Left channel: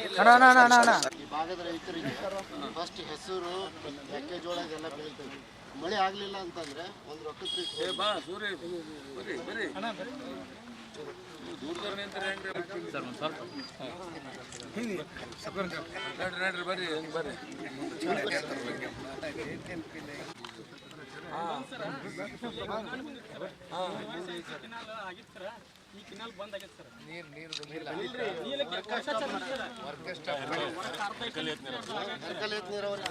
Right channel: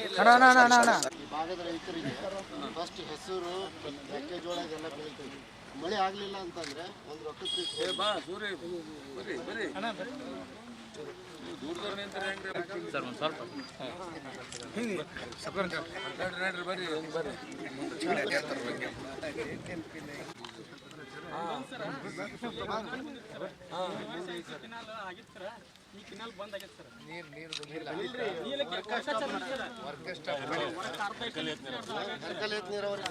ಈ ಭಾಗದ ರೈತರಿಗೆ ಫಸ್ಟ್ ಹೆಸರು ಮೆಕ್ಕೆಜೋಳ ಇದೆಲ್ಲ ಬೆಳಿತೀವಿ. ಮಳೆ ಆಗಲಿಲ್ಲ ಅಂತಂದ್ರೆ ಒಂದು ರೊಕ್ಕಕ್ಕೆ ಈ ಕೆನಾಲ್ ಬಂದ್ ಆಗೈತೆ ಸರ್. ನೀರಾವರಿ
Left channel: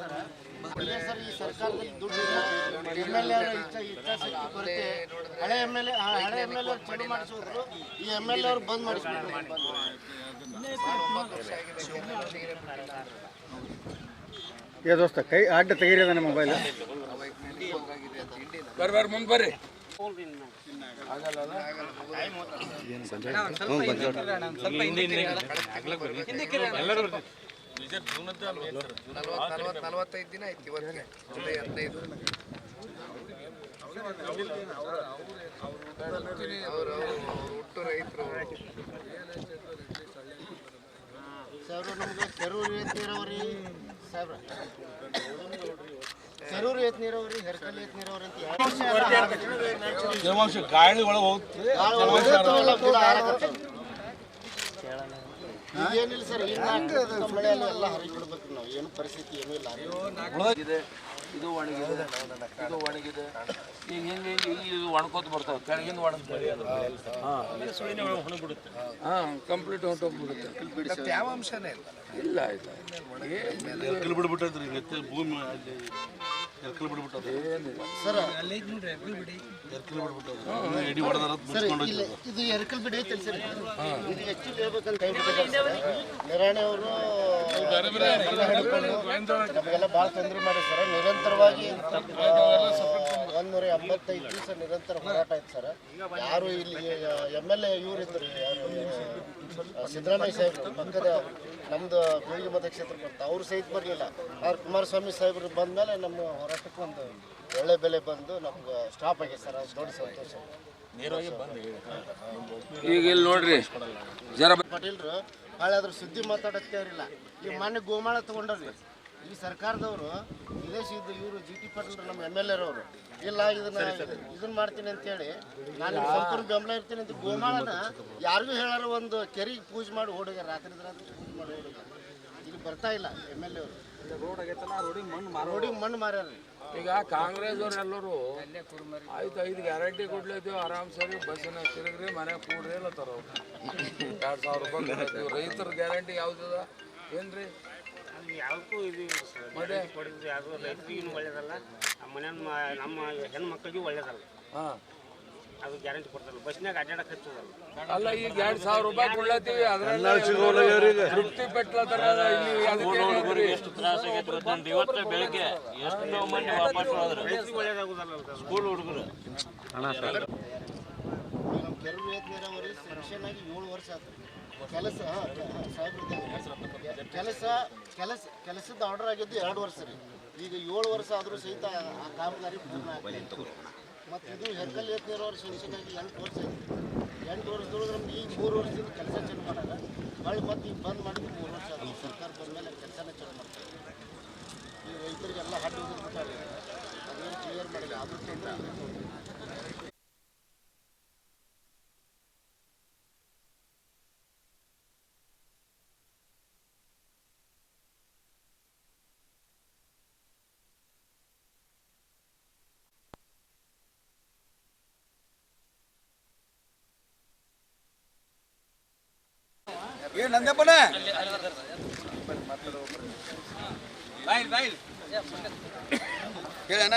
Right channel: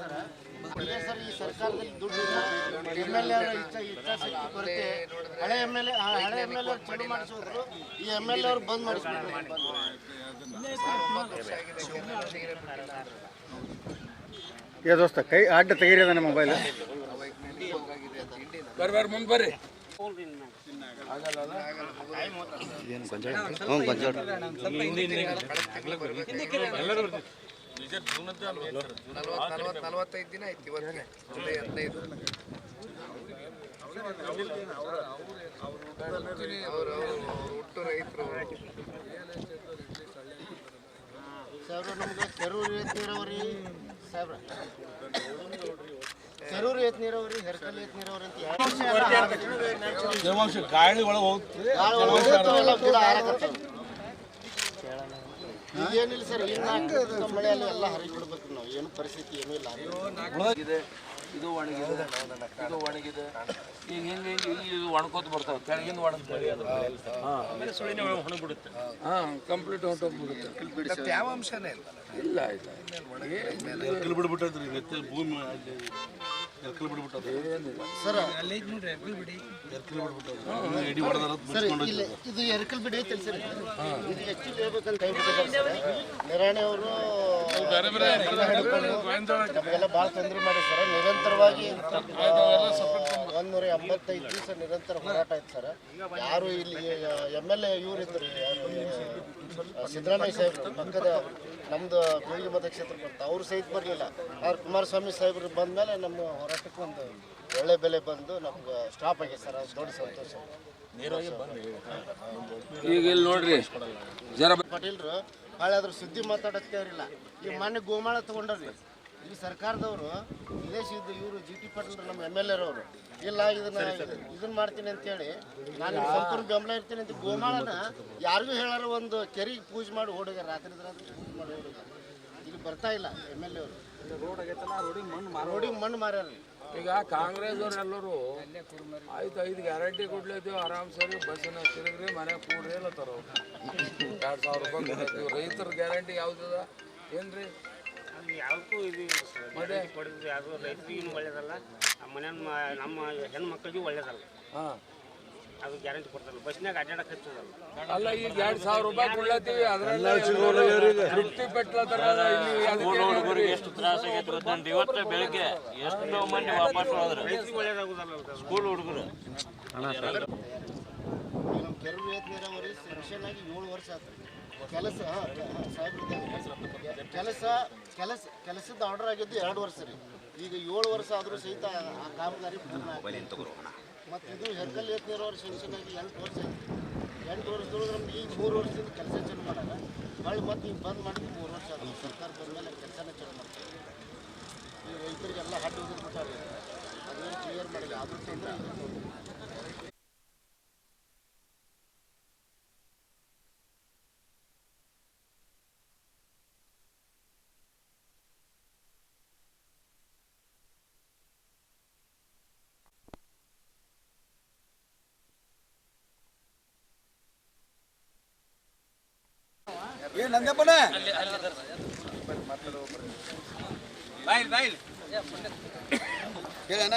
ಸರ್ ಈ ಸರ್ಕಾರದಲ್ಲಿ ದುಡ್ಡು MLA ಇಚ್ಛಾಶಕ್ತಿ ಕೊರತೆ. ಹಳೆ MLA ಚಲೋ ಮಾಡಿಸಿದ್ರು, ಈ MLA ಅವರು ಬಂದ್ ಮಾಡಿಸ್ಬಿಟ್ರು. ದೋಸ್ತ ಕೈ ಅಡ್ಡ ತೆಗೀರದ ನಮ್ಮ ಮೊಬೈಲ್ ಬರ್ರಿ ಮುಂದೆ ಬರ್ರಿ. ನಲವತ್ತೈದು ದಿನ ಆಯ್ತು ಇವತ್ತಿಗೆ, ಜುಲೈ 15. ಅವರು ಹುಟ್ಟು ರೈತರು ಸಾಹೇಬ್ರ ನಮ್ಗೆ ಕೆರೂರು ಏತ್ ನೀರಾವರಿ ಸಾಹೇಬ್ರ, ಕೆರೂರು ಏತ್ ನೀರಾವರಿ, ಹೆರ್ಕಲ್ ಏತ್ ನೀರಾವರಿ ಅಂತ ಗಾಳಿ ಒಳಗೆ ಹೋಗ್ತದೆ. ಏನಿಲ್ಲ ಸರ್, ಮಳೆಯಲ್ಲಿ ಎಲ್ಲ ಹರಿಬಿಡ್ಬೇಕು ನಾವು. ಏನು ಪರಿಸ್ಥಿತಿ ಏನೂ ಇಲ್ಲ. ಇದು ಒಣಗಿದೆ, ಇದು ಒಣಗಿದೆ. ಈಗ ಹಿಂಗೆ ಇದು ಒಣಕೋತ ಬರ್ತಾವೆ, ಕೆಳಗಿಂದ ಒಣಗ್ತದೆ. ಹಾಂ, ಕಂಪ್ಲೀಟ್ ಹೊಂಟೋಗ್ಬಿಡುತ್ತೆ. ತೇವಾಂಶನೇ ಇಲ್ಲ ಇಲ್ಲ ಬಿಡ್ಬಿಟ್ಟದ್ರಿ ಭೂಮಿ ಸರ್. ಇದು ಎರ್ಕಲ್ ಬಿಡಿ ಐತೆ ಸರ್. ಇದು ಆಕ್ಚುಲಿ ಹೇಳ್ಬೇಕಂತ ಹೇಳ್ಬಿಟ್ಟಿದ್ದಾರೆ ನಿರಾಣಿ ಅವರು. ನಮಗೆಲ್ಲ ಭಾಳ ತೊಂದರೆ ಮಾಡಿ ಸರ್. ನಿರಂತರವಾಗಿ 175 ದಿವಸ ನಿರಂತರ ಹೋರಾಟ ಆಯ್ತು ಸರ್. ಯಾರು ಇಲ್ಲಿ MLA ಇವ್ರು ಇದ್ರು, ಸಿದ್ದರಾಮಯ್ಯ ಸಾಹೇಬರು ಪಕ್ಕದ ನಮ್ದು ಬೀಳಿಗೆ ಮತಕ್ಷೇತ್ರ ಬರ್ತಾ, ಅವ್ರು ಸಹಿತ ಬರಲಿಲ್ಲ. ಆದ್ರೆ ಕುಮಾರಸ್ವಾಮಿ ಸಾಹೇಬರು ಬಂದ ಮೇಲೆ ನಮ್ಮ ಹೋರಾಟಕ್ಕೆ ಒಂದು ಒಳ್ಳೆ ಬೆಲೆ ಬಂದು ನಮ್ಗೆ ಸ್ಟಾಪ್ ಆಗಿದೆ ಸರ್. ಅದು ದೊಡ್ಡ ಸಂತೋಷ. ಈಗ ಇಲ್ಲಿ ನೋಡ್ರಿ ಜರ ಪಾಟೀಲ್ರು ಭಾಳ ಅದ್ರ ಸುದ್ದಿ ಮಾತಾಡೋಕ್ಕೆ ಅವರಿಲ್ಲ. ಈ ಮೊನ್ನೆ ಗೋಮಾಳ ತೊಗೊಂಡ್ರಿ ಈ ಸರ್ಕಾರದವರು, ವಿದೇಶಿದ್ದು ಇವರು GT ಪಾಟೀಲ್ರು ನಮ್ಮ MLA ಅವರು ಇಲ್ಲ ಇದನ್ನ ಮಾಡ್ತೀನಿ ಅಂತೇಳಿ ನಾನು ಸಂಪೂರ್ಣ ಬೆಂಬಲ ಇರ್ತೀನಿ ಅಂತ ಗೋಮಾಳನ ಯಾರಿಗೂ ಹೇಳಾರ ಒಂದು ಕೆರೆಗೆ ಪೂಜೆ ಮಾಡಿ ಓಡೋಗ್ಯಾರ. ರಾತ್ರಿ ಪೂಜೆ ಮಾಡಿ ಓಡೋಗ್ಯಾರ. ಇಲ್ಲಿ ಬರ್ತಾ ಇಲ್ಲ MLA ಅವರು. ರೋಡಿಗೆ ಮಣ್ಣು ಮಾರ್ಯಾರ. ಈಗ ಕಾಂಗ್ರೆಸ್ ಅವರೆಲ್ಲರೂ ಆಯ್ತು 5 ಗ್ಯಾರಂಟಿ ಕೊಡ್ಲಿದ್ದೀವಿ, ಆರಾಮ್ ಸರಿ ಬಸ್ಸಿನ ತಿರುಗ್ರಿ, ಮನೆ ಕೂಡ್ರಿ ಅಲ್ಲತ್ತಾರ. 2,000 ರೂಪಾಯಿ ಕೊಡ್ತೀವಿ. ರೈತರ ಗ್ಯಾರಂಟಿ ಯಾವ್ದದ ಏನ್ರಿ? ಯಾವುದಕ್ಕೂ ಇದು ಕೊಡಿದ್ರು ಯಾವುದು ರೈತರಿಗೂ ಒಳ್ಳೇದಲ್ಲ, ನಮ್ಮ ಹೆಣ್ಮಕ್ಳಿಗೂ ಒಳ್ಳೇದಲ್ಲ. ಹಾಂ, ಅದು ಗ್ಯಾರಂಟಿ ಕೊಡ್ತಾರಲ್ಲ, ಬಸ್ನಾಗ ಅಡ್ಡಾಡಕ್ಕೆ ಹಚ್ಚೋದಲ್ಲ. ಅಲ್ಲ ಈಗ 2,000 ರೂಪಾಯಿ ಕೊಡ್ಲತ್ತೀವಿ, ಅದರಲ್ಲಿ ತೃಪ್ತಿ ಪಟ್ಲತ್ತಾರ. ಎಷ್ಟು ತ್ರಾಸ ಆಗೈತೆ ಗೊತ್ತಂತ. ಇವತ್ತು ಬೆಳಿಗ್ಗೆ ಎಷ್ಟು ಮಂದಿ ವಾಪಸ್ ಹೋದ್ರೆ ಒಳ್ಳೇದಾಗುದಲ್ಲ ಸ್ಕೂಲ್ ಹುಡುಗರು. ನಮ್ಮ ಕೆರೂರು ಏತ್ ನೀರಾವರಿ ಸೆಕ್ಷನ್ ಆಗಿ 7 ವರ್ಷ ಆಯ್ತು. ಕೆಲಸದ ಆರ್ಡರ್ ಆಗಿದ್ದು 2 ವರ್ಷ ರೀ. ಈಗ 7 ವರ್ಷ ಆದರೂ ಸಹಿತ ಆ ಕಾಮಗಾರಿ ಪೂರ್ಣ ಆಗ್ತದೆ. ಮತ್ತು ಇದು ಹೆರ್ಕಲ್ ಏತ್ ನೀರಾವರಿ ಸೆಕ್ಷನ್ ಆಗಿ 8 ವರ್ಷ ಐತಿ. 8 ವರ್ಷದೊಳಗೆ ನಮ್ಗೆ ಈಗ 3 ವರ್ಷದಿಂದ ಕೆಲಸ ಚಾಲು ಮಾಡಾರ. ಹೊಳ್ಳಿ ಮತ್ತು ಈಗ ಬಂದ್ ಮಾಡಿದ್ದು 3 ವರ್ಷ ಆದ. ಸರ್ಕಾರ ಬಂದ ಮೇಲೆ ಕೆಲಸನೇ ಚಾಲು ಮಾಡ್ತಾರೆ. ಈ ರೈತರಿಗೆಲ್ಲ ಹಡ್ಡು ಹೋಗಿರ್ಬಿಟ್ಟಾರೆ. ಅದೇನು ಕ್ಲಿಯರ್ ಮಾಡಿಲ್ಲ. ಅದ್ರ ತೊಂದರೆ ಇದು ತೊಂದರೆ. ನಂದಪ್ಪನ ಹೇಳಣ್ಣ.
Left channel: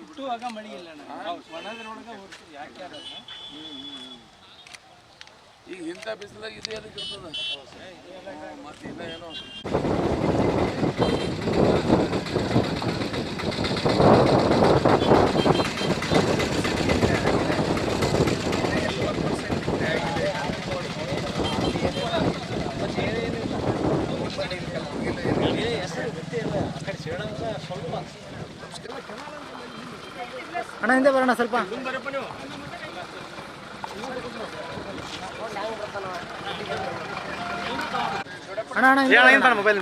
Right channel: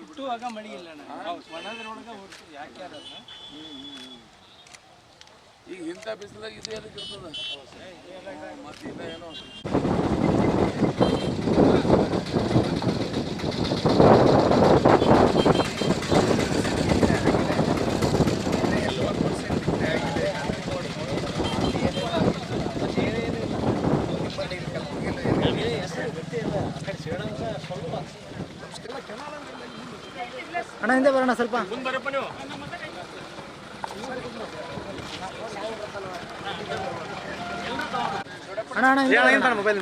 ಹುಟ್ಟುವಾಗ ಮಳೆ ಇಲ್ಲ, ಒಣದ್ರೊಳಗೆ ಯಾಕೆ ಈಗ ಇಂಥ ಬಿಸಿಲಾಗ ಇದು ಅದಕ್ಕೆ ಇರ್ತದ. ಮತ್ತೆ ಇಲ್ಲ ಏನೋ ಅಣ್ಣ ಹಿಂದೆ ಬರೋಣ ಸ್ವಲ್ಪ. ಮುಂದೆ ಬರಪ್ಪ ನೀವು. ಮೊಬೈಲ್